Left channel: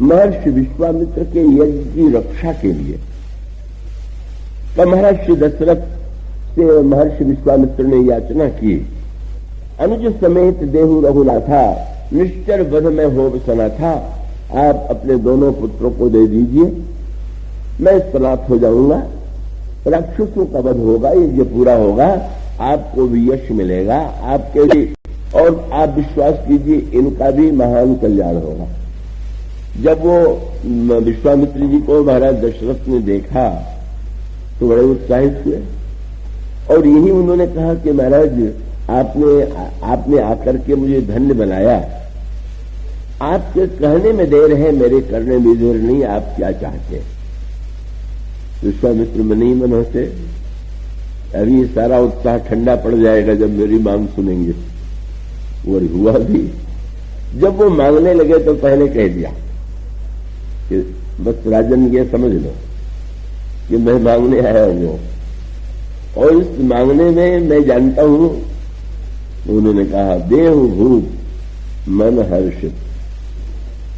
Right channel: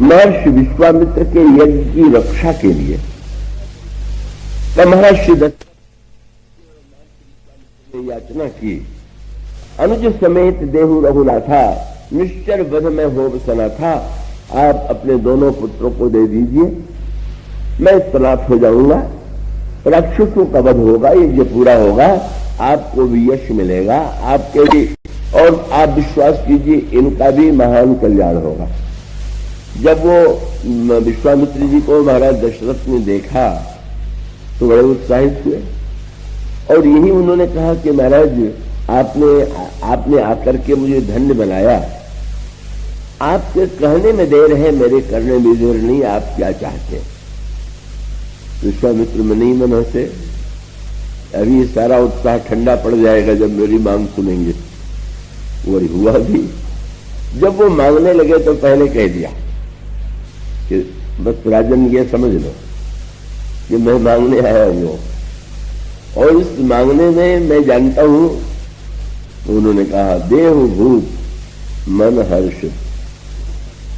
महर्षि विश्वामित्र के यज्ञ की रक्षा के लिए। तब महर्षि दशरथ से महर्षि विश्वामित्र ने याचना की, अनुज समेत देहु रघुनाथा, निश्चर वध में होव सना था, आप अपने दोनों पुत्रों को दे दीजिए, मैं समाप्त हो जाऊंगा, राक्षसों का वध होगा, यज्ञ पूरा होगा, आपको भी यश मिलेगा, आपके भी, और आप विश्वास कीजिए इनका भी महान कल्याण होगा। जब वो विश्वामित्र जी को महाराज दशरथ ने देखा तो बड़े उत्साहित हुए और यही उन्होंने कहा कि महाराज जी आपने आकर के मुझे धन्य बनाया, आपके कहने में देर है, मेरे करने में देर नहीं, आप क्या चाहते हैं? विश्वामित्र में नहीं मन होते, अभी सारा उत्साह ठंडा पड़ जाएगा जब मेरी मांग सुनेंगे। वही हुआ भी, जब वो मांगने लगे तो पहले कह दिया कि बस राजन ये समझ लो कि मैं मांगने आया हूं, और इस मांगने में मैं जानता हूं, उन्होंने कहा देह भूप मन हर्ष,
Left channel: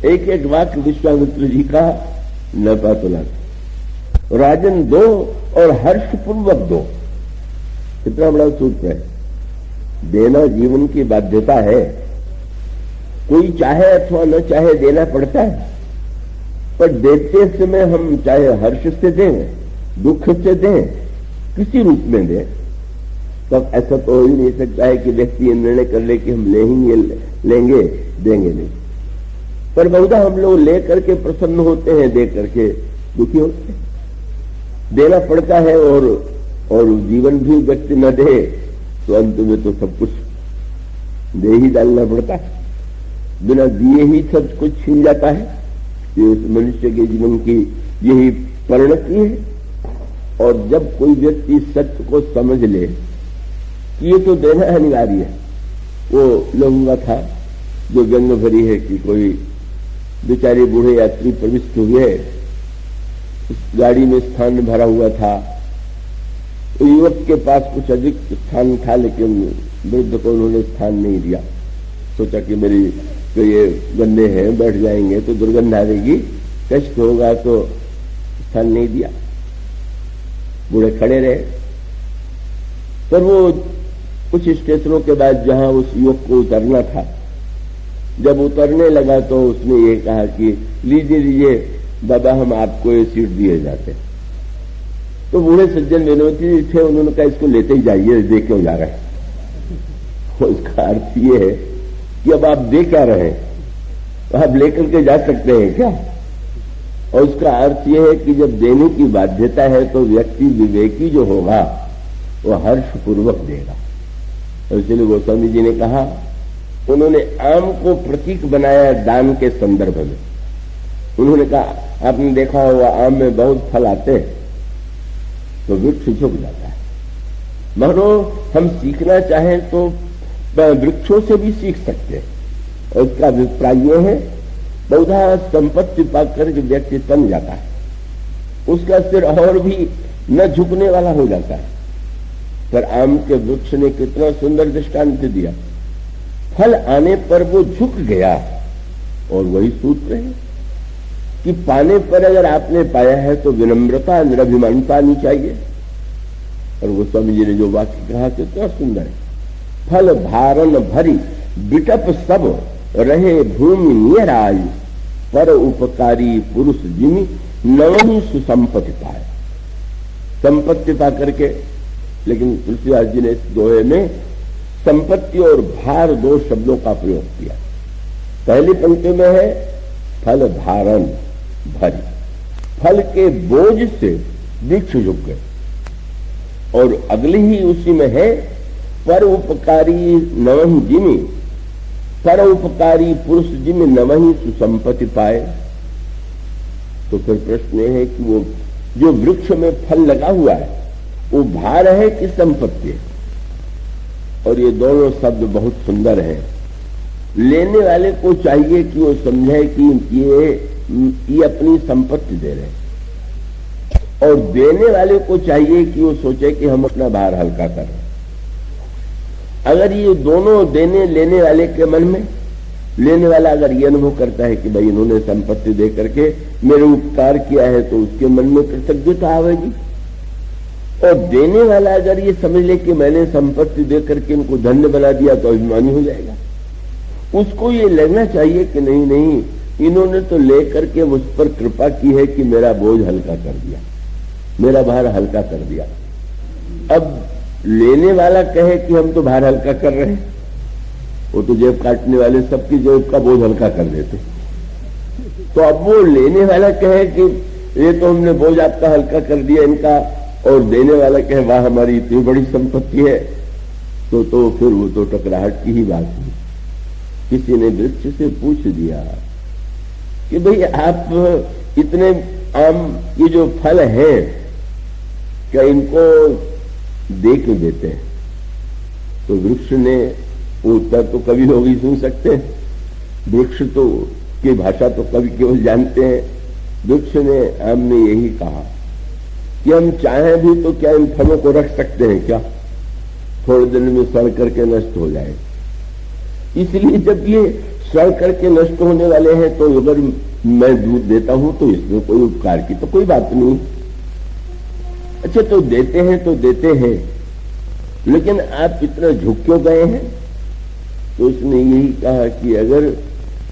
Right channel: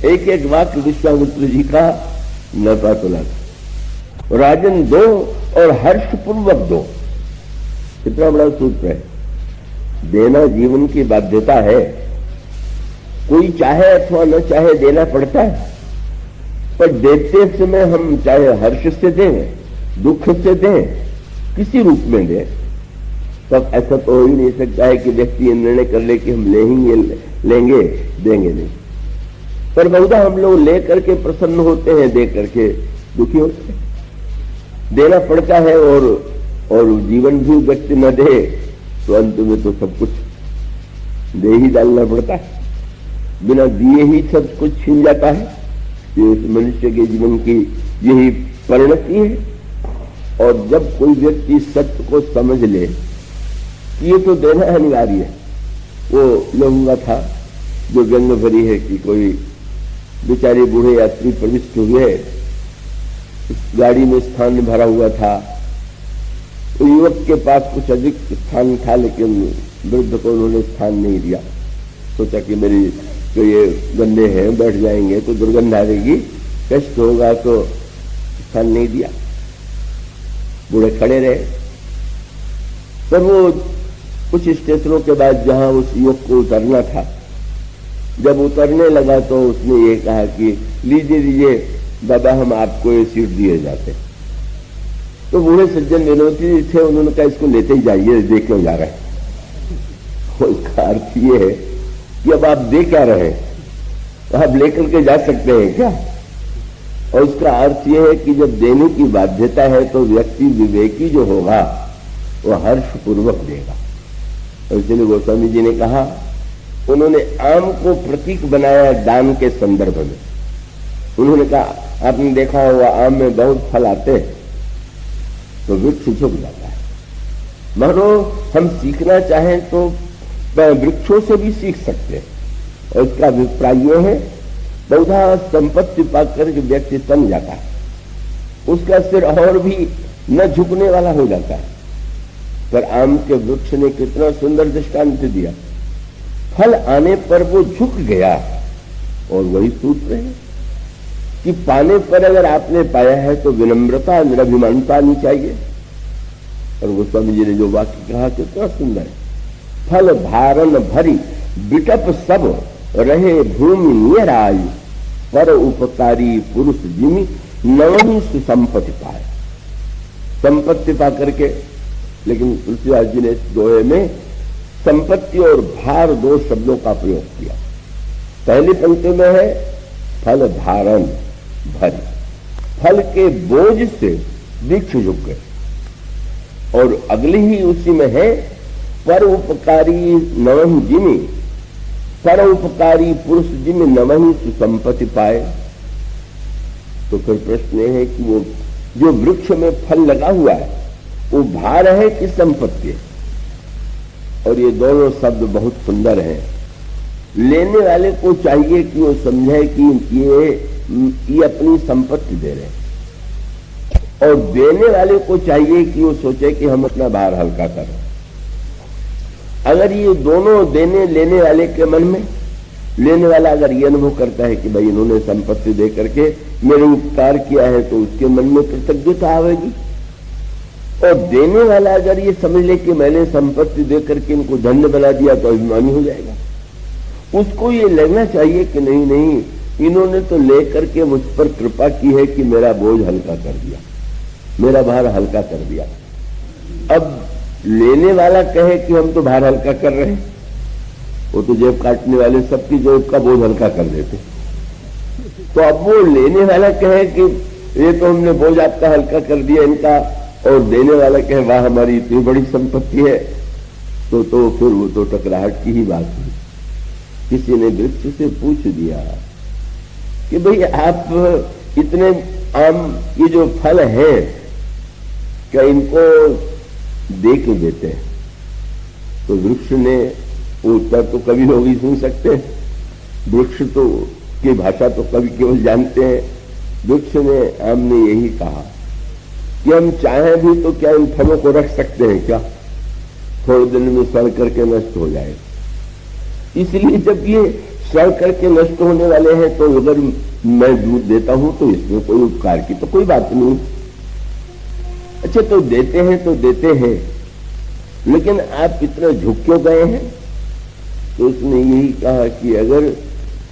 एक एक वाक्य विश्वामित्र जी का नपा तुला, राजन दो और हर्ष पूर्वक दो। कितना बड़ा सूत्र है, देना जीवन की बाध्यता है, कोई चाहे अथवा न चाहे देना पड़ता है, पर देते समय हम चाहे हर्ष से दें, दुख से दें, किसी रूप में दें, तो ऐसा तो हो ही नहीं सकता है कि व्यक्ति ये निर्णय कर ले कि हम लेंगे देंगे नहीं, पर बहुधा हम लोग ले करके प्रसन्न होते हैं, दे करके दुखी होते हैं। देना पड़ता है और जीवन भी व्यक्ति न दे तो अंत में तो सब कुछ दे ही डालना पड़ता है, बिना दिए ही सब कुछ छिन जाता है। कि उस मनुष्य के जीवन की यही परिणति है। और जब कोई व्यक्ति सत्य को समझ ले कि ये तो देना अनिवार्य है, वो लहूंगा था जो गंध भरी है कि कोई बेचारे बूढ़े यात्री प्रविष्ट हुए, गाड़ी में स्थान भरा हुआ था, तो युवक के पास कुछ अधिक स्थान था, लेकिन वृद्ध को उन्होंने स्थान नहीं दिया। सोचा कि मेरी तो ये गन्ने हैं, बैठ जाएंगे तो दुर्गंध आ जाएगी, कष्ट होगा, तो स्थान नहीं दिया, बूढ़े खड़े रहे। तो वो कुछ स्टेशनों के बाद जहां उस युवक को उतरना था, जब उतरने लगा तो उसने ये कहा कि लीजिए लीजिए दादा, हम आपको ये सीट दिए जाते। तो बूढ़े सज्जन विनोदी थे, उन्होंने कहा इसको लेते ही जाइए, दे क्यों जा रहे हैं? उसका अर्थ ये है कि अब आप दे क्या रहे हैं, तो आप लेकर के जा सकते हैं क्या? और इसका अर्थ यह है कि जब देने की बाध्यता है तो व्यक्ति विवेकी जो होगा वो हर्षपूर्वक देगा। और इसलिए गोस्वामी जी ने कहा, उन्होंने आम को प्रतीक बनाया दान के संदर्भ में। उन्होंने कहा, आपने देखा होगा आम में बहुत फल आते हैं तो वृक्ष झुक जाता है। मानो हम सीखना चाहें तो वृक्षों से भी सीख सकते हैं। और इसका अभिप्राय यह है, बहुधा संपत्ति पाकर के व्यक्ति तन जाता है, उसका सिर और भी न झुकने वाला हो जाता है। पर आम के वृक्ष ने कितना सुंदर दृष्टांत दिया, फल आने पर वो झुक गया। और वही सूत्र है कि पाने पर अगर आपने पाया है तो विनम्रता निरभिमानता आनी चाहिए। और गोस्वामी जी ने जो वाक्य कहा कितना सुंदर है, फल धारण भरी विटप सब रहे भूमि निराई, पर उपकारी पुरुष जिमि नवनी सुसंपत्ति पाए। संपत्ति पा करके, लेकिन तुलसीदास जी ने इस दोहे में संपत्ति और भार दो शब्दों का प्रयोग किया। पहली पंक्ति में है फल धारण भरी, फल के बोझ से वृक्ष झुक गए, और अगली ही उसी में है पर उपकारी नवहि जिमि, पर उपकारी पुरुष जिमि नवहि सुसंपत्ति पाए। तो फिर प्रश्न यह है कि वो जो वृक्ष में फल लगा हुआ है वो भार है कि संपत्ति? और ये दोनों शब्द बहुत सुंदर हैं। लेने वाले को चाहिए कि वो समझे कि ये अपनी संपत्ति दे रहे हैं, और देने वाले को चाहिए कि वो सोचे कि हम अपना भार हल्का करें। अगर ये दोनों देने लेने वाले के मन में लेने वाला अगर ये अनुभव करता है कि भाई इन्होंने संपत्ति दे करके मेरे उपकार किया है तो उसके मन में कृतज्ञता आवेगी, और देने वाला अगर ये समझ ले कि मैंने संपत्ति दे करके इनको धन्य बना दिया तो अभिमानी हो जाएगा। उसको ये लगना चाहिए कि नहीं नहीं, इन्होंने तो ले करके मुझ पर कृपा की है कि मेरा बोझ हल्का कर दिया, मेरा भार हल्का कर दिया। अब लेने वाला कहे कि हम तो भार हल्का कर रहे हैं, वो तो जेब काटने वाले सबकी जेब का बोझ हल्का कर देते। तो अब वो लेने वाला कहे कि ये तो हमने बोझ आपका हल्का कर दिया इनका, और देने वाला कहे वाह हमारी इतनी बड़ी संपत्ति है, तो फिर वो तो टकराहट की ही बात है। किसी ने वृक्ष से पूछ दिया कि भाई आप इतने आम ये जो फल है क्या इनको दे के देते हैं? तो वृक्ष ने उत्तर तो कवि लोग ही सुन सकते हैं, वृक्ष तो की भाषा तो कवि केवल जानते हैं। वृक्ष ने हमने यही कहा कि हम चाहें भी तो क्या इन फलों को रख सकते हैं क्या? थोड़े दिन में सड़ करके नष्ट हो जाए। इसलिए जब ये सड़ करके नष्ट होने वाले हैं तो अगर मैं दूध देता हूं तो इसमें कोई उपकार की तो कोई बात नहीं। अच्छा तो देते हैं, लेकिन आप इतना झुक क्यों गए हैं? तो उसने यही कहा कि अगर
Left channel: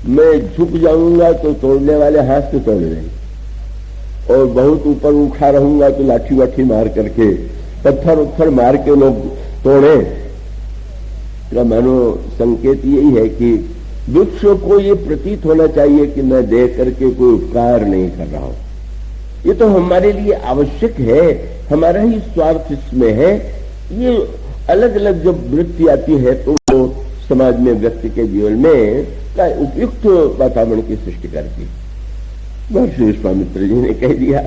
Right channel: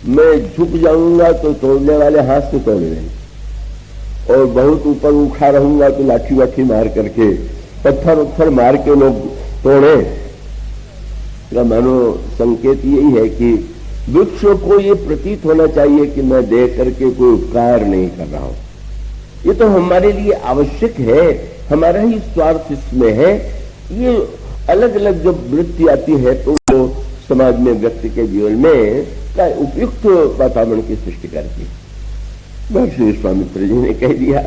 मैं झुक जाऊंगा तो तोड़ने वाले हाथ से तोड़ लें, और बहुत ऊपर उठा रहूंगा तो लाठी वाठी मार करके पत्थर मार के लोग तोड़े। का मानो संकेत यही है कि वृक्षों को ये प्रतीत होना चाहिए कि मैं देख करके कोई उपकार नहीं कर रहा हूं, ये तो हमारे लिए आवश्यक है, हमारा ही स्वार्थ इसमें है। ये अलग अलग जब वृत्ति आती है तो समाज में व्यक्ति के जीवन में का उपयुक्त वातावरण की सृष्टि करती है। महर्षि विश्वामित्र जी ने कह दिया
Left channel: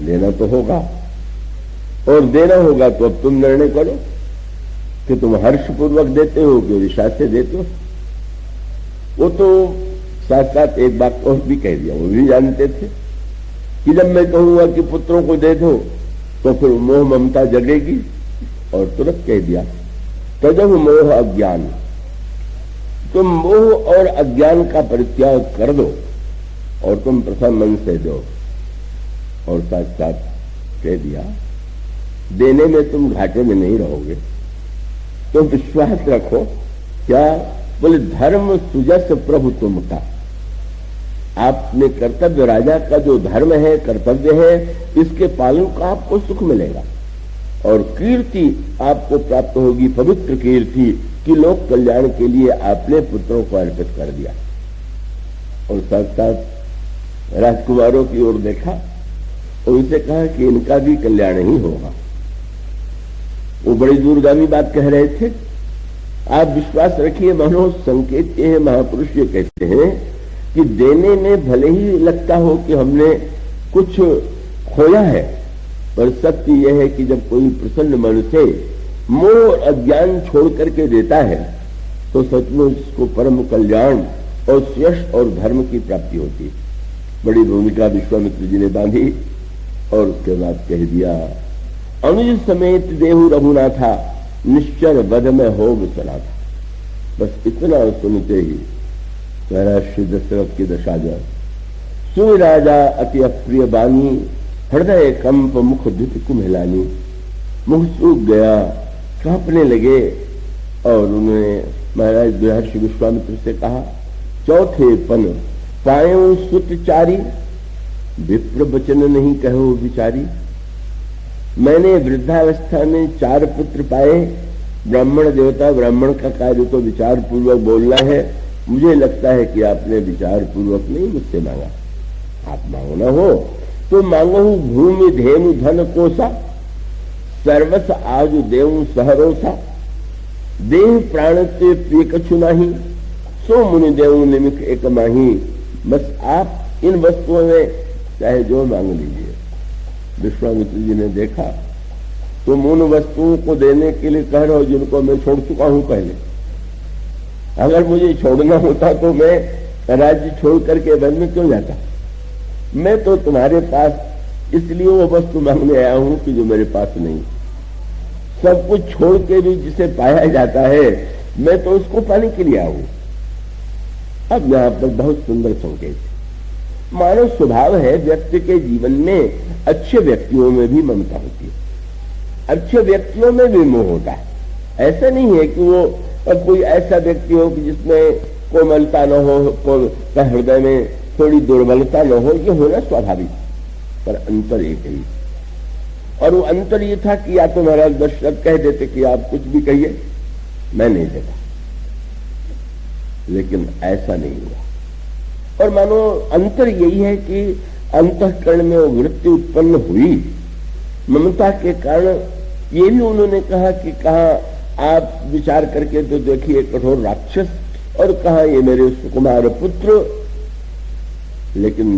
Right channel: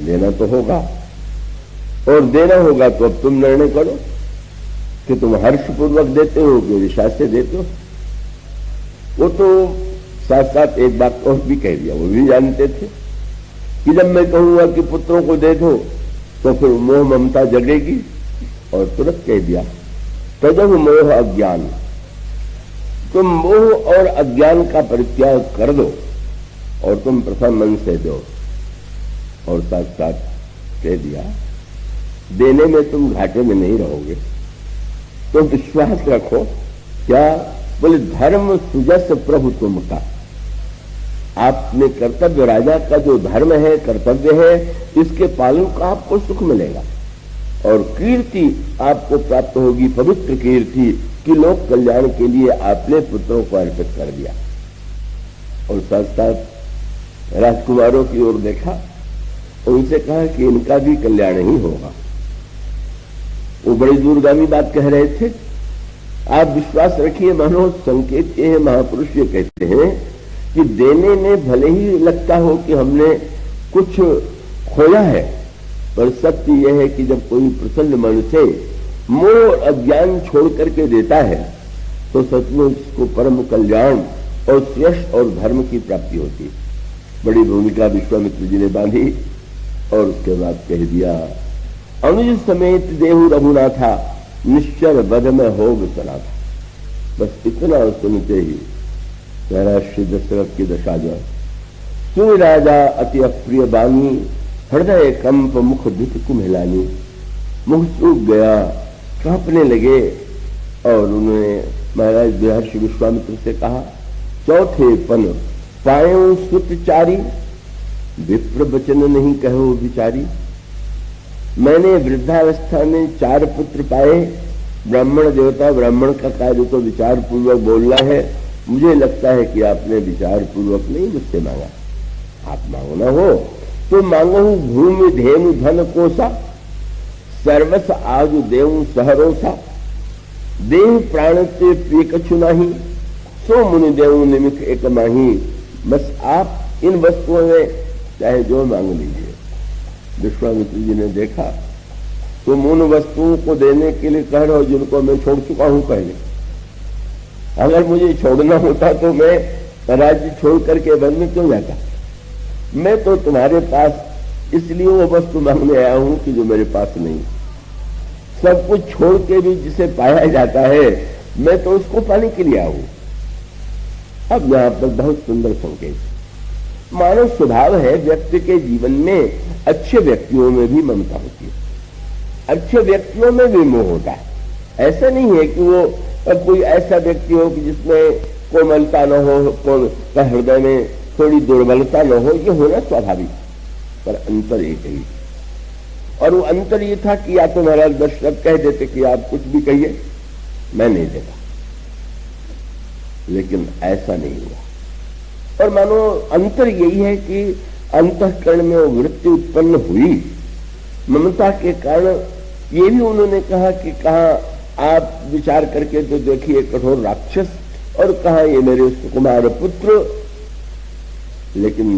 लेना तो होगा, और देना होगा तो अब तुम निर्णय करो कि तुम हर्षपूर्वक देते हो कि विषा से देते हो। वो तो साथ साथ एक बात और भी कह दिया, वो भी जानते थे कि जब मैं कहूंगा कि पुत्रों को दे दो तो फिर मोह ममता जगेगी, और तुरंत कह दिया तदह मोह अज्ञान, तुम मोह और अज्ञान का परित्याग कर दो और तुम प्रथम मन से दो। और साथ साथ कह दिया देने में तुम घाटे में नहीं रहोगे, तो विश्वास रखो। क्या बोले धर्म सुजस प्रभु तुम का, आपने कर्तव्य राजा का जो धर्म है कर्तव्य है इसके पालन का आपको सुख मिलेगा, और कीर्ति आपको प्राप्त होगी, पवित्र कीर्ति कि लोक कल्याण के लिए आपने पुत्रों को अर्पित कर दिया। और साथ साथ राजकुमारों की ओर देखा और उनसे कहा कि इनका भी कल्याण ही होगा। वो बड़ी दूरगामी बात कह रहे थे। आप विश्वास रखिए, मानो संकेत ये है, महापुरुष ये कहते हैं कि देने में भले ही लगता हो कि हमने कुछ खोया है, पर सत्य यह है कि जब कोई प्रसन्न मन से मोह और अज्ञान छोड़ करके देता है तो सचमुच उसको परम कल्याण और यश और धर्म की प्राप्ति होती है। बड़ी भूमिका विश्वामित्र जी ने बांधी और उसके बाद कह दिया अनुज समेत देहु रघुनाथा निश्चल बध में होग चला था। बस इतना सुनते ही श्री दशरथ की दशा जाए। सुई राजा अति अप्रिय बानी हृदय कंप मुख दिख कुम्हिलानी, मुख सूख गया, कांपने लगे। और उन्होंने महाराज महर्षि विश्वामित्र से कहा चौथे पन पायो सुतचारी, विप्र वचन नहीं कहो विचारी। मैंने वृद्धावस्था में 4 पुत्र पाए, ब्राह्मण देवता ब्राह्मण का कार्य तो विचार पूर्वक बोलना है। मुझे लगता है कि आपने विचार पूर्वक नहीं मुझसे मांगा। आप मांगना हो तो मांगो भूमि धेनु धन कोसा, सर्वस आज देव सहरोसा। देव प्राण से प्रिय कछु नहीं, सो मुनि देव निमिख एक माही। बस आप इन वस्तुओं में चाहे जो मांग लीजिए। विश्वामित्र जी ने देखा तुम उन वस्तुओं को देने के लिए कह रहे हो जिनको मैं छोड़ चुका हूं पहले। अगर मुझे छोड़ना होता तो मैं राज्य छोड़ करके वन में क्यों जाता। मैं तो तुम्हारे पास इसलिए वो वस्तु मांगने आया हूं कि जो मेरे पास नहीं। सब कुछ छोड़ के भी जिसे पाया जाता है मैं तो उसको पाने के लिए आया हूं। अब यहां पर बहुत सुंदर संकेत। मानव स्वभाव है व्यक्ति के जीवन में अच्छे व्यक्तियों में भी ममता होती है, अच्छे व्यक्तियों में भी मोह होता है। ऐसा नहीं है कि वो कोई ऐसा व्यक्ति हो कि जिसमें कोमलता न हो, हृदय में थोड़ी दुर्बलता न हो, ये होना स्वाभाविक, पर अंतर एक ही। और वो अंतर ये था कि या तो महाराज दशरथ कह देते कि आप कुछ भी कहिए, मैं नहीं देता, लेकिन ऐसा नहीं हुआ। और मानो अंतर यही है कि अंतःकरण में वो वृत्ति उत्पन्न हुई ममता के कारण। ये भी उन्होंने कहा कि कहा आप विचार करके तो देखिए कठोर राक्षस, और कहा ये मेरे सुकुमार पुत्र। लेकिन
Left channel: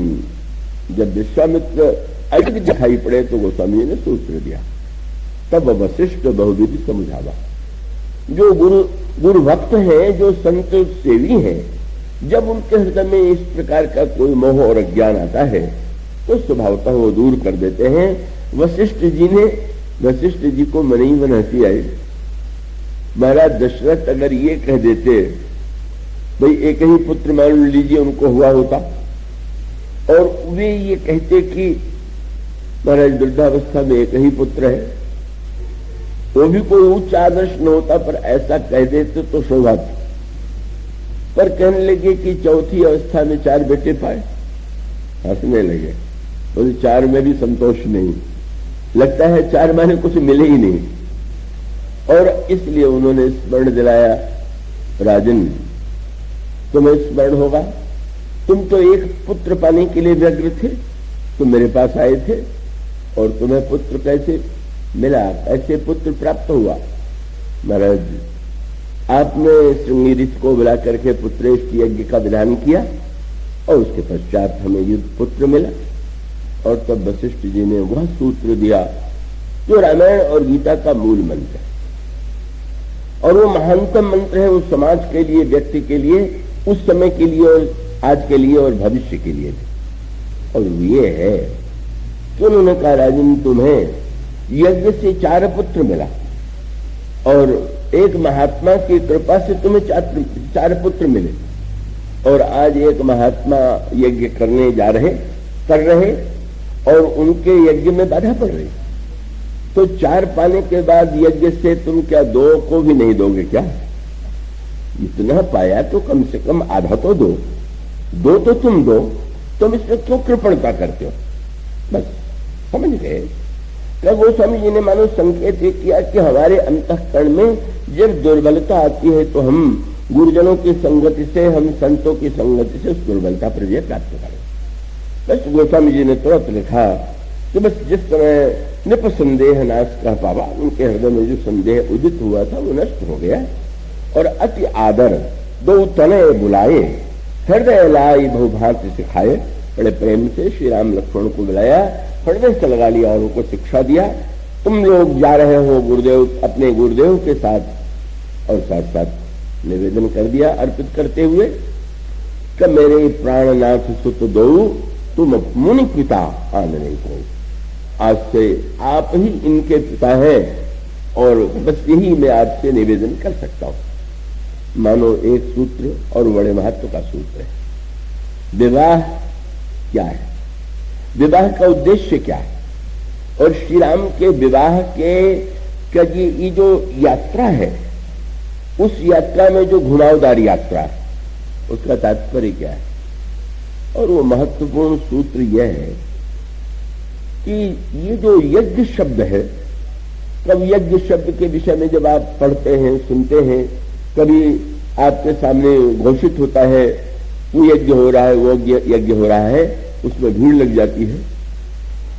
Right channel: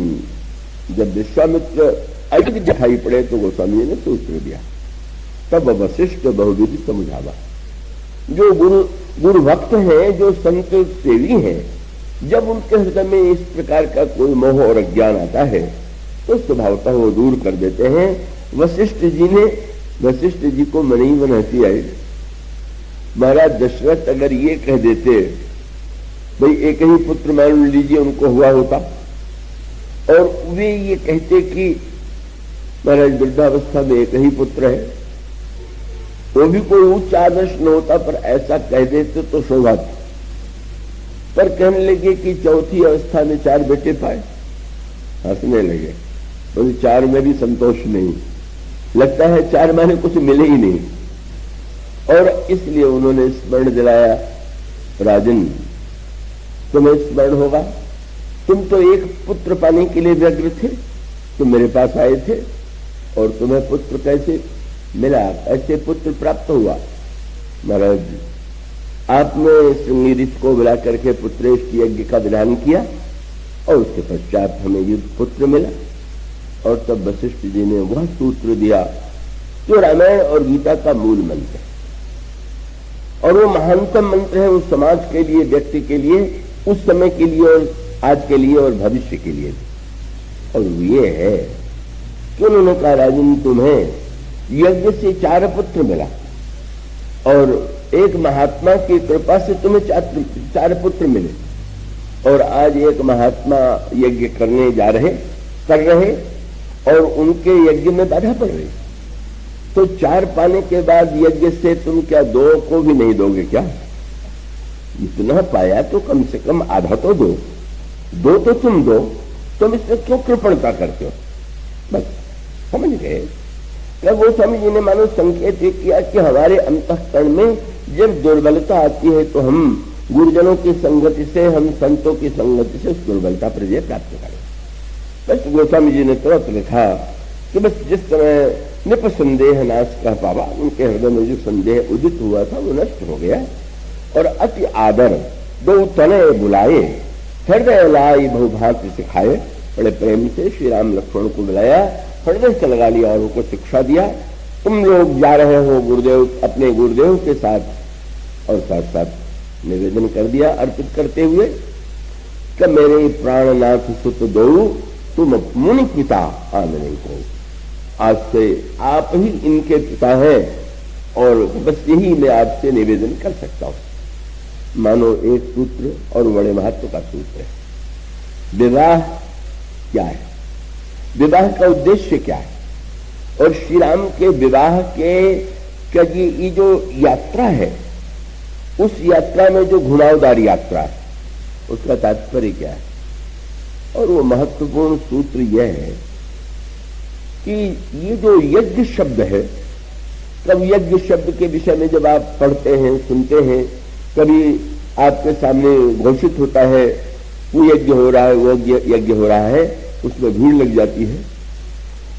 जब विश्वामित्र अधिक दिखाई पड़े तो गोस्वामी ने सूत्र दिया, तब वशिष्ठ बहुविधि समझावा। जो गुरु भक्त हैं, जो संत सेवी हैं, जब उनके हृदय में इस प्रकार का कोई मोह और अज्ञान आता है तो स्वभावतः वो दूर कर देते हैं। वशिष्ठ जी को मनी मन हंसी आई। महाराज दशरथ अगर ये कह देते भाई एक ही पुत्र मान लीजिए उनको हुआ होता, और वे ये कहते कि महाराज वृद्धावस्था में एक ही पुत्र है, वो भी कोई उच्च आदर्श न होता, पर ऐसा कह देते तो शोभा थी। पर कहने लगे कि चौथी अवस्था में 4 बेटे पाए, हंसने लगे, बोले 4 में भी संतोष नहीं, लगता है 4 माने कुछ मिले ही नहीं। और इसलिए उन्होंने स्मरण दिलाया, राजन तुम्हें स्मरण होगा, तुम तो एक पुत्र पाने के लिए व्यग्र थे, तुम मेरे पास आए थे, और तुम्हें पुत्र कैसे मिला, ऐसे पुत्र प्राप्त हुआ। महाराज आपने श्रृंगी को बुला करके पुत्रेश की यज्ञ का विधान किया, और उसके पश्चात हमें ये पुत्र मिला। और तब वशिष्ठ जी ने वह सूत्र दिया जो रामायण और गीता का मूल मंत्र है, और वो महानतम मंत्र है उस समाज के लिए, व्यक्ति के लिए, उस समय के लिए, और आज के लिए और भविष्य के लिए। और ये है कि उन्होंने कहा राजन तुम्हें यज्ञ से 4 पुत्र मिला, और एक महात्मा की कृपा से तुम्हें 4 पुत्र मिले, और आज एक महात्मा यज्ञ करने कर रहे और उनके यज्ञ में बाधा पड़ रही। तो 4 पाने के बाद यज्ञ से तुम क्या 2 को भी नहीं दोगे क्या? इतना पाया तो कम से कम आधा तो दो, 2 तो तुम इसमें क्यों कृपणता करते हो? बस समझ गए। तब गोस्वामी जी ने मानो संकेत किया कि हमारे अंतःकरण में जब दुर्बलता आती है तो हम गुरुजनों की संगति से, हम संतों की संगति से उस दुर्बलता पर विजय प्राप्त करें। बस गोस्वामी जी ने तुरंत लिखा कि बस जिस समय निप संदेह नाश कह पावा, उनके हृदय में जो संदेह उदित हुआ था वो नष्ट हो गया। और अति आदर 2 तनय बुलाए, हृदय लाई बहुभाग्य सिखाए। बड़े प्रेम से श्री राम लक्ष्मण को बुलाया, हृदय से लगा लिया और उनको शिक्षा दिया, तुम लोग जा रहे हो गुरुदेव अपने गुरुदेव के साथ। और साथ साथ निवेदन कर दिया अर्पित करते हुए कि मेरे प्राणनाथ सुत दो तुम मुनि पिता आनंद को। आज से आप ही इनके पिता हैं, और बस यही मैं आपसे निवेदन कर सकता हूं। मानो एक सूत्र और बड़े महत्व का सूत्र है। विवाह क्या है, विवाह का उद्देश्य क्या है, और श्री राम के विवाह के क्या ये जो यात्रा है, उस यात्रा में जो घुड़ावदार यात्रा, उसका तात्पर्य क्या है। और वो महत्वपूर्ण सूत्र यह है कि ये जो यज्ञ शब्द है, कभी यज्ञ शब्द के विषय में जब आप पढ़ते हैं, सुनते हैं, कभी आपके सामने घोषित होता है वो यज्ञ हो रहा है, वो यज्ञ हो रहा है, उसमें भीड़ लग जाती है।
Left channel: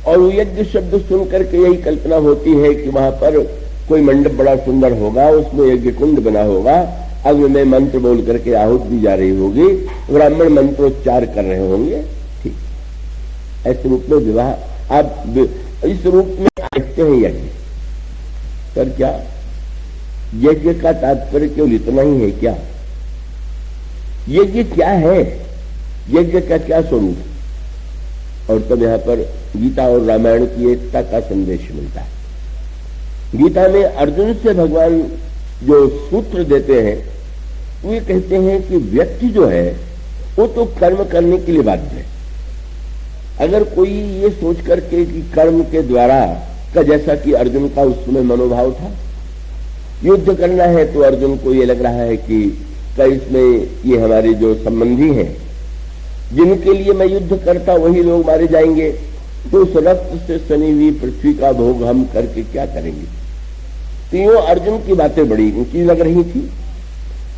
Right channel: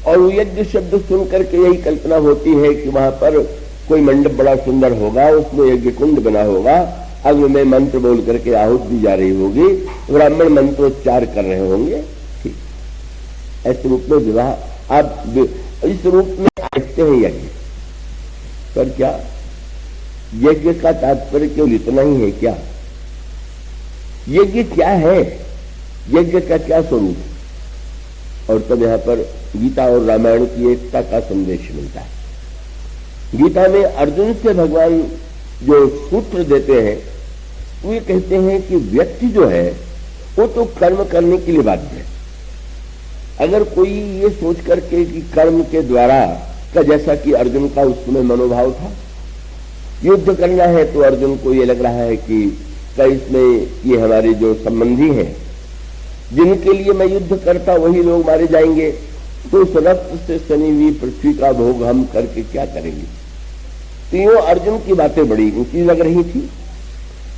और वो यज्ञ शब्द सुन करके यही कल्पना होती है कि वहां पर कोई मंडप बड़ा सुंदर होगा, उसमें यज्ञ कुंड बना होगा, अग्नि में मंत्र बोल करके आहूत दी जा रही होगी, ब्राह्मण मंत्रोच्चार कर रहे होंगे। ठीक, ऐसे रूप में विवाह आप इस रूप में देखते हैं यज्ञ। पर क्या यज्ञ का तात्पर्य केवल इतना ही है क्या? यज्ञ क्या है, यज्ञ का क्या स्वरूप? और तब यहां पर गीता और रामायण की एकता का संदेश मिलता है। गीता में अर्जुन से भगवान जो सूत्र देते हैं, वो ये कहते हैं कि व्यक्ति जो है वो तो कर्म करने के लिए बाध्य है। अगर कोई ये सोच करके कि कर्म के द्वारा का, जैसा कि अर्जुन का उस समय मनोभाव था, युद्ध करना है, तो अर्जुन को ये लग रहा है कि इसमें ये हमारे जो संबंधी हैं जिनके लिए मैं युद्ध करता वही लोग मारे जाएंगे, तो उस रक्त से सनी हुई पृथ्वी का भोग हम करके क्या करेंगे। तो यो अर्जुन की बातें बड़ी ऊंची लग रही थी,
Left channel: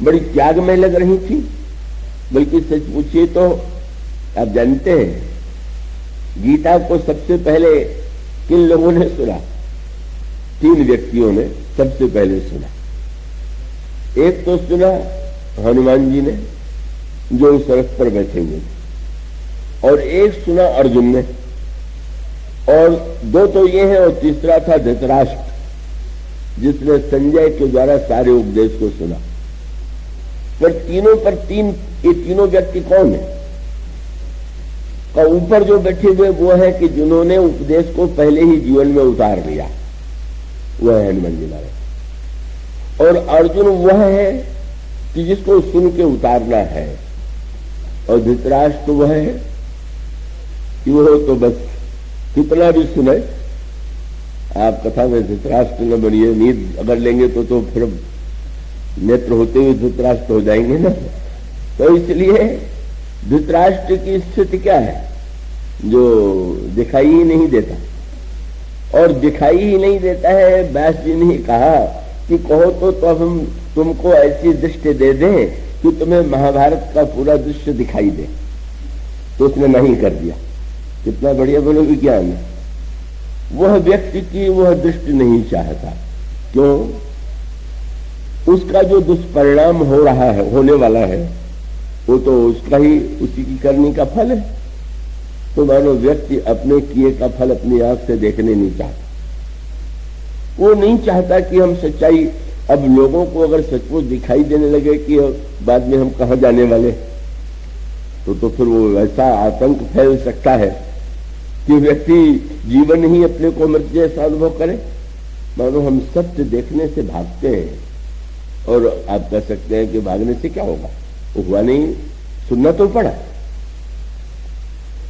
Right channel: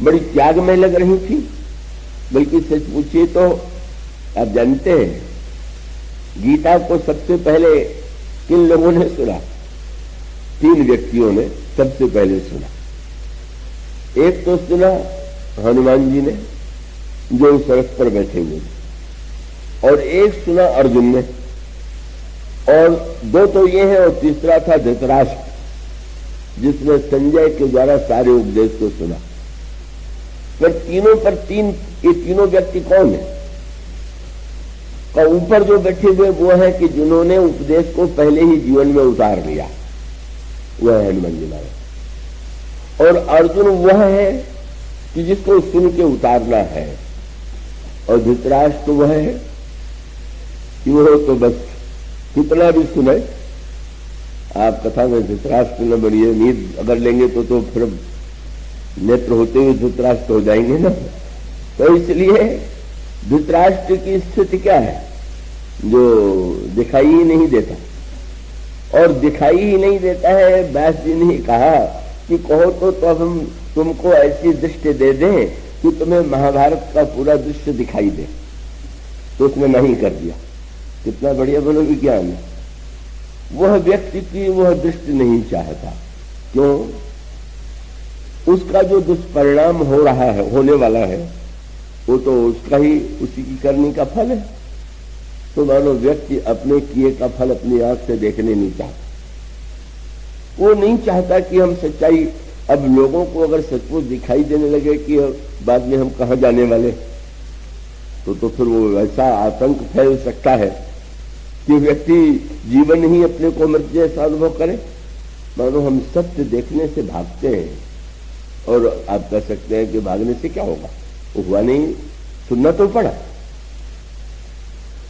बड़ी त्याग में लग रही थी। बल्कि सच पूछिए तो आप जानते हैं गीता को सबसे पहले किन लोगों ने सुना? 3 व्यक्तियों ने सबसे पहले सुना। एक तो सुना हनुमान जी ने जो उस रथ पर बैठे हुए, और एक सुना अर्जुन ने, और 2 तो ये है, और तीसरा था धृतराष्ट्र जिसने संजय के द्वारा सारे उपदेश को सुना। पर तीनों पर ये तीनों व्यक्ति कौन है? और ऊपर जो बैठे हुए वो है कि जिन्होंने उपदेश को पहले ही जीवन में उतार लिया, वह है हनुमान जी महाराज। और अर्जुन वह है कि जिसको सुन के उतारना है, और धृतराष्ट्र तो वह है कि वो तो बस कितना भी सुने। आप कथा में धृतराष्ट्र न बनिए, नींद अगर लेंगे तो फिर नेत्र होते हुए धृतराष्ट्र हो जाएंगे ना। तो इसलिए धृतराष्ट्र की स्थिति क्या है? जो दिखाई ही नहीं देता, और दिखाई ही नहीं देता है। व्यास जी ने कहा कि कहो तो हम तुमको ऐसी दृष्टि दे दें कि तुम्हें महाभारत का पूरा दृश्य दिखाई दे, तो उसने नहीं कर दिया। कितना बढ़िया बोलोगे क्या है? वह व्यक्ति की वह दृष्टि नहीं चाहता। क्यों? उसका जो दुष्परिणाम हो रहा है, होने वाला है, वो तो उसका ही, उसी की करने का फल है। तो मानो व्यक्ति अपने किए का फल अपनी आंख से देखने नहीं चाहता। वो नहीं चाहता कि हम सच्चाई, अब लोगों को अगर सचमुच दिखाई देने लगे कि बाद में हम कहां जाने वाले, तो फिर वो वैसा आतंक फैल सकता है कि व्यक्ति जीवन ही अपने को मृत्यु जैसा अनुभव करे। मानो हम सत्य देखने से भागते हैं, और आप कह सकते हैं कि भागने से क्या होगा, हुआ नहीं, सुनना तो पड़ा।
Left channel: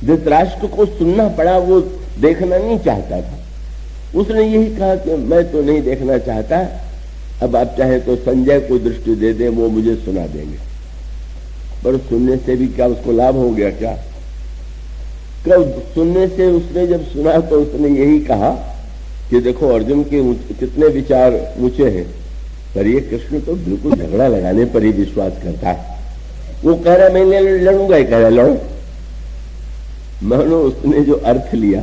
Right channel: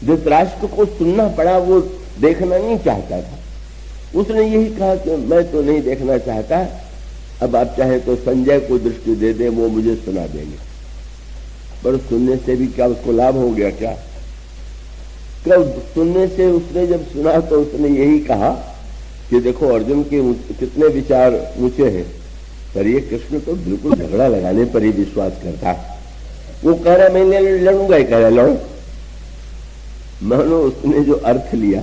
धृतराष्ट्र को सुनना पड़ा, वो देखना नहीं चाहता था। उसने यही कहा कि मैं तो नहीं देखना चाहता, अब आप चाहे तो संजय को दृष्टि दे दे, वो मुझे सुना देंगे। पर सुनने से भी क्या उसको लाभ हो गया? क्या सुनने से उसने जब सुना तो उसने यही कहा कि देखो अर्जुन के कितने विचार ऊंचे हैं, पर ये कृष्ण तो बिल्कुल झगड़ा लगाने पर ही विश्वास करता है। वो कह रहा मैं लड़ूंगा, कह रहा लड़ो। मानो उसने जो अर्थ लिया,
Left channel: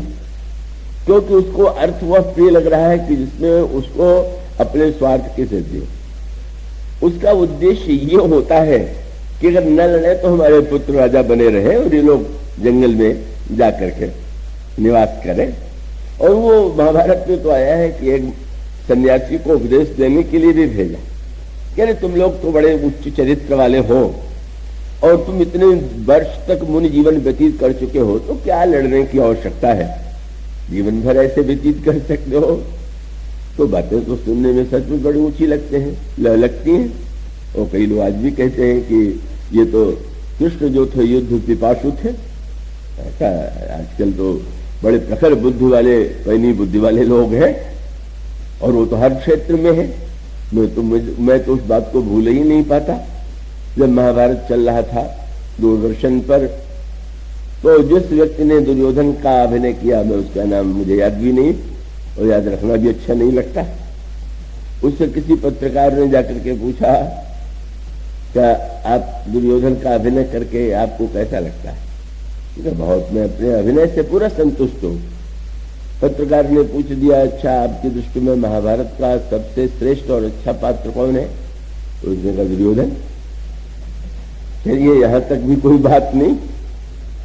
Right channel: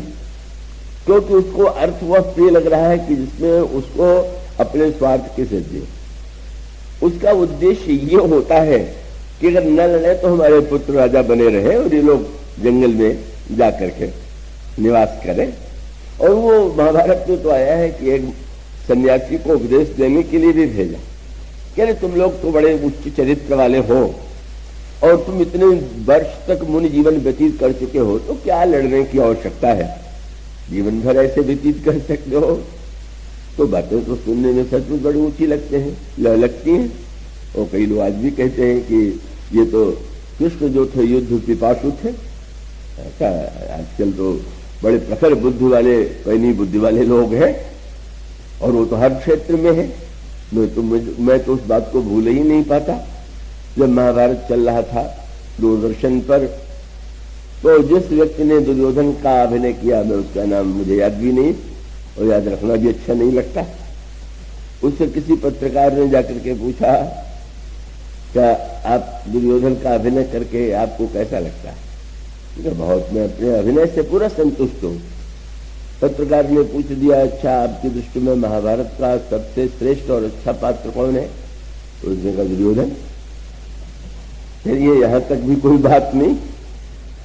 क्योंकि उसको अर्थ वह प्रिय लग रहा है कि जिसमें उसको अपने स्वार्थ की सिद्धि। उसका उद्देश्य ये होता है कि अगर न लड़े तो हमारे पुत्र राजा बने रहे और ये लोग जंगल में जाकर के निवास करें। और वो महाभारत में तो आया है कि एक सन्यासी को उपदेश देने के लिए भी भेजा, कह रहे तुम लोग तो बड़े उच्च चरित्र वाले हो और तुम इतने वर्ष तक मुनि जीवन व्यतीत कर चुके हो, तो क्या लड़ने की आवश्यकता है, जीवन भर ऐसे व्यतीत कर सकते हो। तो बातें तो सुनने में सच में बड़ी ऊंची लगते हैं, लगती हैं। और कई लोग आज भी कहते हैं कि ये तो कृष्ण जो थे युद्ध पिपासु थे। ऐसा आजकल तो बड़े प्रखर बुद्धि वाले, पैनी बुद्धि वाले लोग हैं, और वो तो हर क्षेत्र में है। मैं तो उस बात को भूल ही नहीं पाता। जब महाभारत चल रहा था दूरदर्शन पर, तो जिस व्यक्ति ने दुर्योधन का अभिनय किया, मैं उसका नाम मुझे याद भी नहीं और याद रखना भी अच्छा नहीं लगता। उससे किसी पत्रकार ने जाकर के पूछा, क्या आप दुर्योधन का अभिनय करके आपको कैसा लगता है? बहुत, मैं अपने अभिनय से पूरा संतुष्ट हूं। पत्रकार ने पूछ दिया, अच्छा आपकी दृष्टि में महाभारत का सबसे श्रेष्ठ और अच्छा पात्र कौन है? तो उसने कहा दुर्योधन। ये यहां तक भी कोई बात नहीं,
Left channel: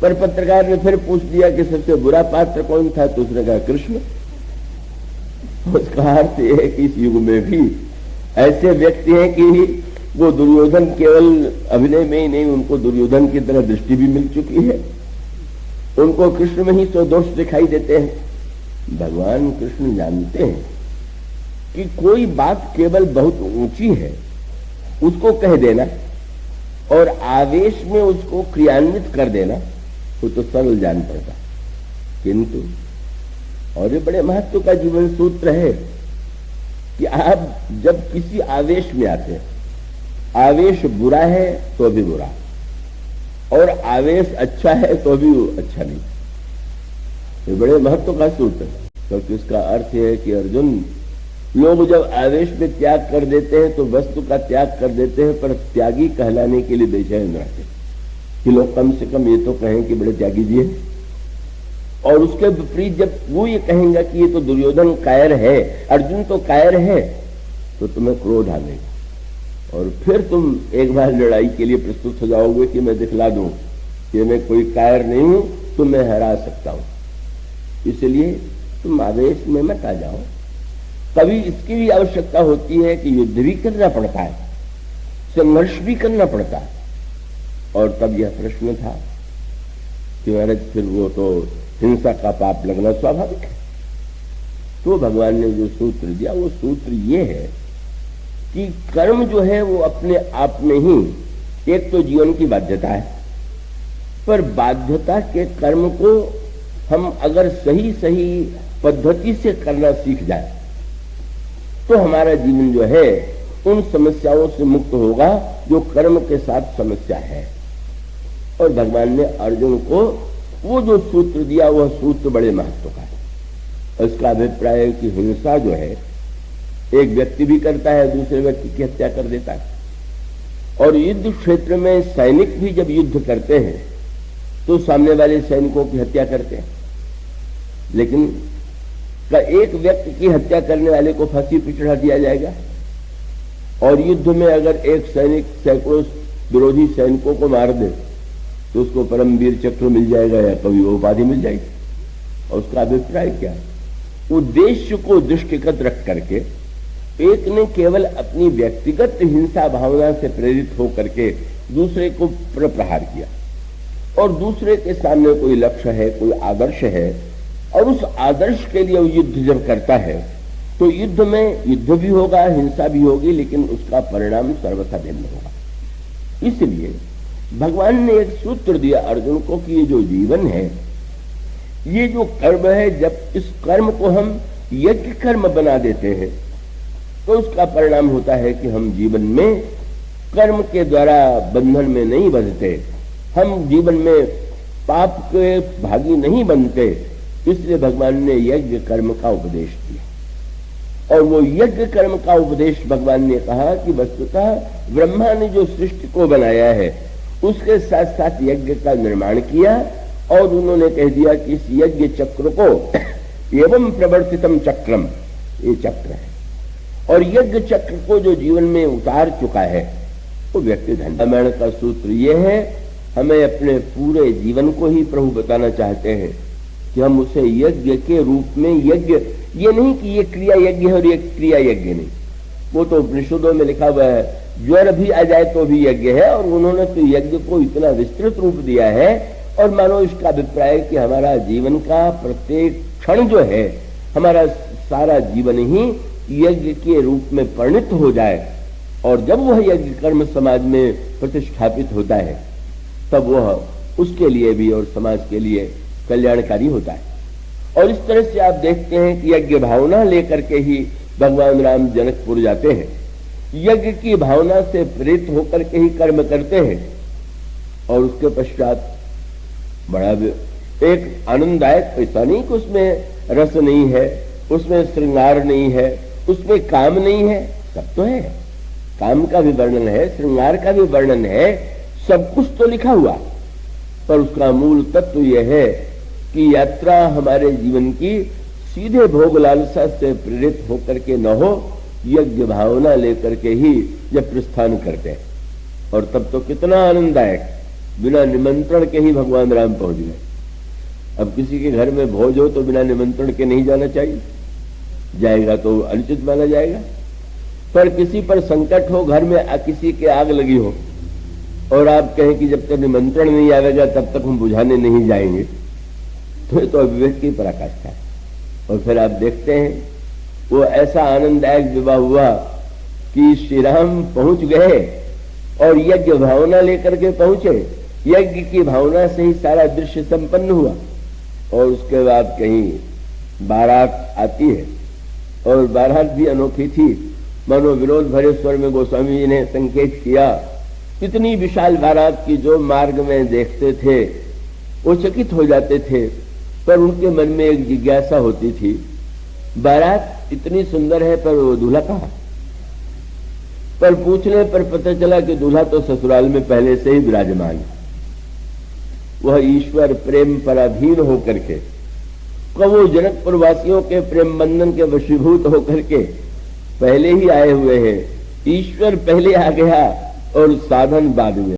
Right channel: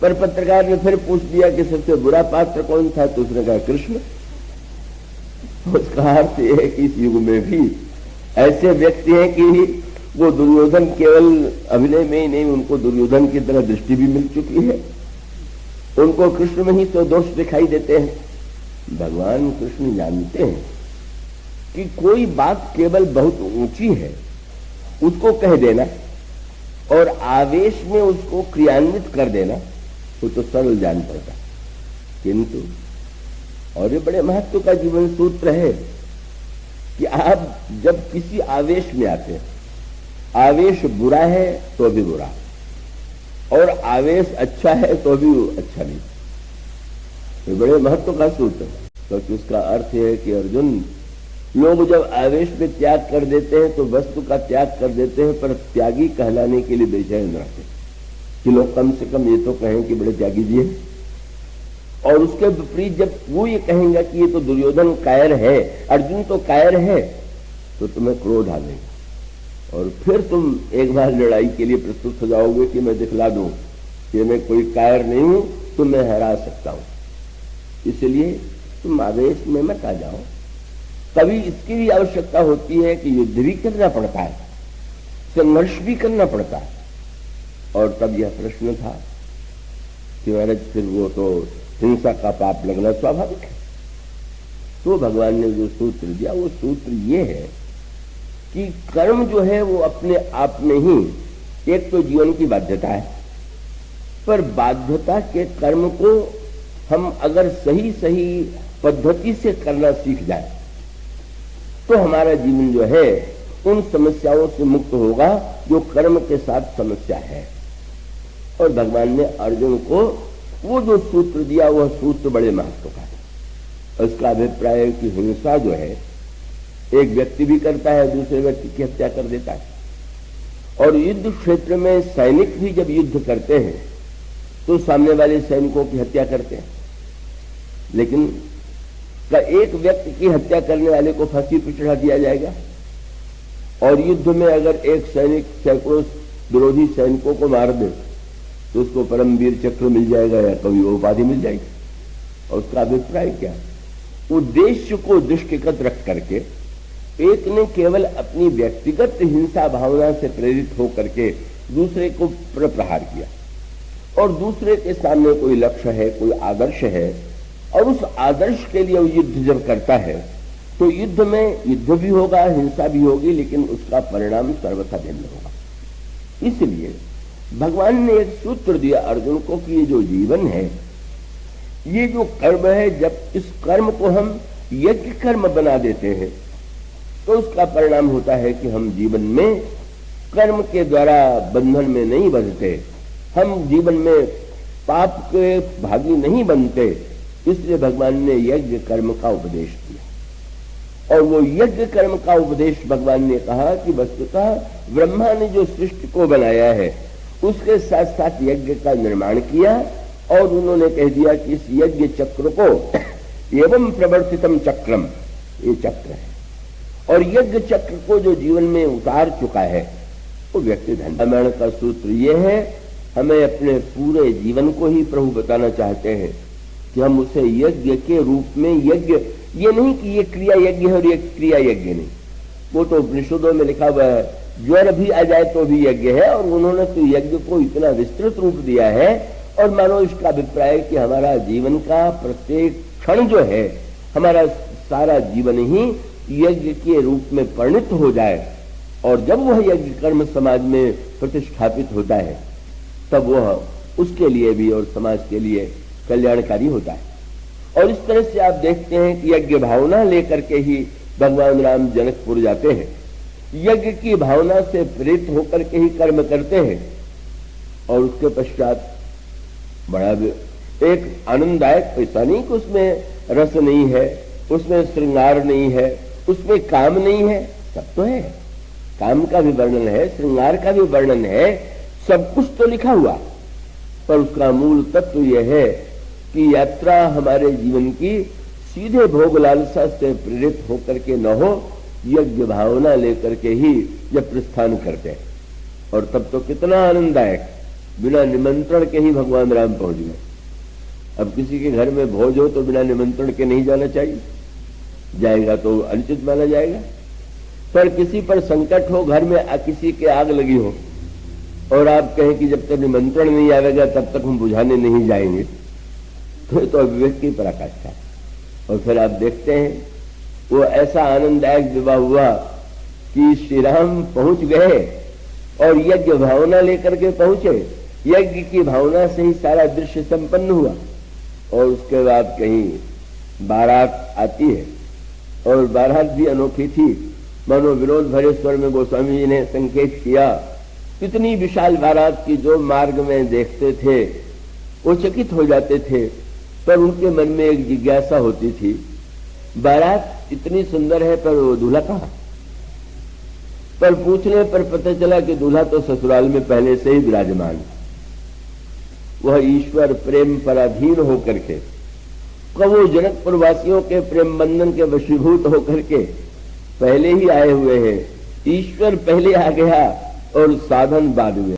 पर पत्रकार ने फिर पूछ दिया कि सबसे बुरा पात्र कौन था? तो उसने कहा कृष्ण। उसका अर्थ यह है कि इस युग में भी ऐसे व्यक्ति हैं कि वो दुर्योधन केवल अभिनय में ही नहीं, उनको दुर्योधन की तरह दृष्टि भी मिल चुकी है, उनको कृष्ण में ही तो दोष दिखाई देते हैं। भगवान कृष्ण जानते हैं कि कोई बात केवल बहुत ऊंची है उसको कह देना, और आवेश में उसको क्रियान्वित कर देना वो तो सरल जान पड़ता, किंतु और ये बड़े महत्व का जीवन सूत्र है कि आप जब किसी आवेश में आते हैं, आवेश बुरा है तो भी बुरा और आवेश अच्छा है तो भी अच्छा नहीं, ये बड़े महत्व का सूत्र है। तो इसका अर्थ यह है कि अर्जुन, लोग जब आवेश में त्याग कर देते हैं तो वस्तु का त्याग कर देते हैं, पर त्यागी कहलाने के लिए बेचैन रहते कि लोग कम से कम ये तो कहें कि बड़े त्यागी जी हैं। और उसके विपरीत जब वो ये कहेंगे कि ये तो दुर्योधन कायर है, अर्जुन तो कायर है, तो तुम्हें क्रोध आ जाएगा और फिर तुम एक बार लड़ाई के लिए प्रस्तुत हो जाओगे कि मैं दिखला दूं कि मैं कोई कायर नहीं हूं, तो मैं हरा सकता हूं। इसलिए तुम आवेश में मत आ जाओ। कभी इसकी भी आवश्यकता होती है कि युद्ध भी करना पड़ता है, संघर्ष भी करना पड़ता है। और तब यह प्रश्न था कि महाराज फिर वो तो हिंसा का पाप लगना स्वाभाविक है। तो भगवान ने जो सूत्र दिया वो सूत्र ये है कि कर्म जो है वो अपने आप में ही एक तो जीवन की बाध्यता है, पर बाध्यता के कर्म को हम अगर सही सही पद्धति से करना सीख जाए तो हमारा जीवन जो है उन समस्याओं से मुक्त होगा जो कर्म के साथ समस्या है। और भगवान ने अर्जुन को वो जो सूत्र दिया वह सूत्र बड़े महत्व का है। उसका अभिप्राय है कि हिंसा जो है एक व्यक्ति भी करता है, दूसरे व्यक्ति की हत्या कर देता है। और युद्ध क्षेत्र में सैनिक भी जब युद्ध करते हैं तो सामने वाले सैनिकों की हत्या करते हैं, लेकिन का एक व्यक्ति की हत्या करने वाले को फांसी पर चढ़ा दिया जाएगा। और युद्ध में अगर एक सैनिक सैकड़ों विरोधी सैनिकों को मार दे तो उसको परमवीर चक्र मिल जाएगा या कभी वो उपाधि मिल जाएगी। और उसका अभिप्राय क्या, उद्देश्य को दृष्टिगत रख करके एक ने केवल अपनी व्यक्तिगत हिंसा भावना से प्रेरित होकर के दूसरे को प्रहार किया, और दूसरे के सामने कोई लक्ष्य है, कोई आदर्श है, और उस आदर्श के लिए वो युद्ध जब करता है तो युद्ध में युद्ध भी होगा, हिंसा भी होगी, लेकिन उसका परिणाम सर्वथा भिन्न होगा। इसलिए भगवान ने एक सूत्र दिया अर्जुन को कि ये जो जीवन है, ये जो कर्म है, जब इस कर्म को हम यज्ञ कर्म बना देते हैं तो उसका परिणाम होता है कि हम जीवन में कर्म के द्वारा बंधन में नहीं बंधते, हम जीवन में पाप के भागी नहीं बनते। इसलिए भगवान ने यज्ञ कर्म का उपदेश दिया। और वो यज्ञ कर्म का उपदेश भगवान ने कहा कि वस्तुतः ब्रह्मा ने जो सृष्टि को बनाया है उसके साथ साथ यज्ञ का निर्माण किया, और उन्होंने कह दिया कि इस यज्ञ चक्र को एवं प्रवर्तितम चक्रम, ये चक्र है। और यज्ञ चक्र को जो जीवन में उतार चुका है वो व्यक्ति धन। रामायण का सूत्र ये है, हमें अपने पूरे जीवन को ही प्रभु बताना चाहते हैं कि हम उसे यज्ञ के रूप में, यज्ञ ये नहीं कि ये क्रिया यज्ञ है और ये क्रिया यज्ञ नहीं, वो तो उपनिषदों में लिखा हुआ है, ज्वर भी आ जाए तो भी यज्ञ है। और उन्होंने तो यज्ञ को इतना विस्तृत रूप दिया है, और मानो इसका अभिप्राय कि हमारा जीवन का प्रत्येक क्षण जो है, हमारा सारा जीवन ही यज्ञ के रूप में परिणत हो जाए। और जब वह यज्ञ कर्म समाज में प्रतिष्ठापित होता है तब वह उसके लिए भी और समाज के लिए कल्याणकारी होता है। और इस तरह से आप देखते हैं कि यज्ञ भावना लेकर के ही भगवान राम जनकपुर जाते हैं, यज्ञ की भावना से प्रेरित होकर के ही कर्म करते हैं। और उसके पश्चात बड़ा एक आनंददायक, ऐसा नहीं कि उसमें रस नहीं है, उसमें श्रृंगार नहीं है, उसमें काम नहीं है, सब तो है, काम का भी वर्णन है, श्रृंगार का भी वर्णन है, सब कुछ तो लिखा हुआ। पर उसका मूल तत्व यह है कि यात्रा हमारे जीवन की सीधे भोग लालसा से प्रेरित होकर के न हो, यज्ञ भावना लेकर के ही जब प्रस्थान करते हैं। और तब तो कितना आनंददायक, बिना निमंत्रण के ही भगवान राम पहुंच गए। अब किसी के घर में भोज हो तो बिना निमंत्रण के नहीं जाना चाहिए, जाएगा तो अनुचित माना जाएगा। पर किसी पर संकट हो, घर में किसी के आग लगी हो और आप कहें कि जब तक निमंत्रण नहीं आएगा तब तक हम बुझाने नहीं जाएंगे, तो अविवेक की पराकाष्ठा। और फिर आप देखते हैं वो ऐसा आनंददायक विवाह हुआ कि श्री राम पहुंच गए और यज्ञ भावना लेकर के पहुंचे। यज्ञ की भावना से ही सारा दृश्य संपन्न हुआ। और उसके बाद कहीं बारात आती है और बारात भी अनोखी थी। मानो विनोद भरे स्वर में गोस्वामी जी ने संकेत किया, इतनी विशाल बारात की जो मार्ग में देखते थे वो चकित हो जाते थे, पर उनके मन में एक जिज्ञासा होती थी, बारात इतनी सुंदर है पर वो दूल्हा कहाँ? पर पूछने पर पता चला कि दूल्हा तो ससुराल में पहले से ही विराजमान है। वह ईश्वर प्रेम पर अधीन होकर के, कबो जनकपुर वासियों के प्रेम बंधन के वशीभूत होकर के पहले ही आए हुए हैं। ईश्वर पहले आ गया और साधन बाद में।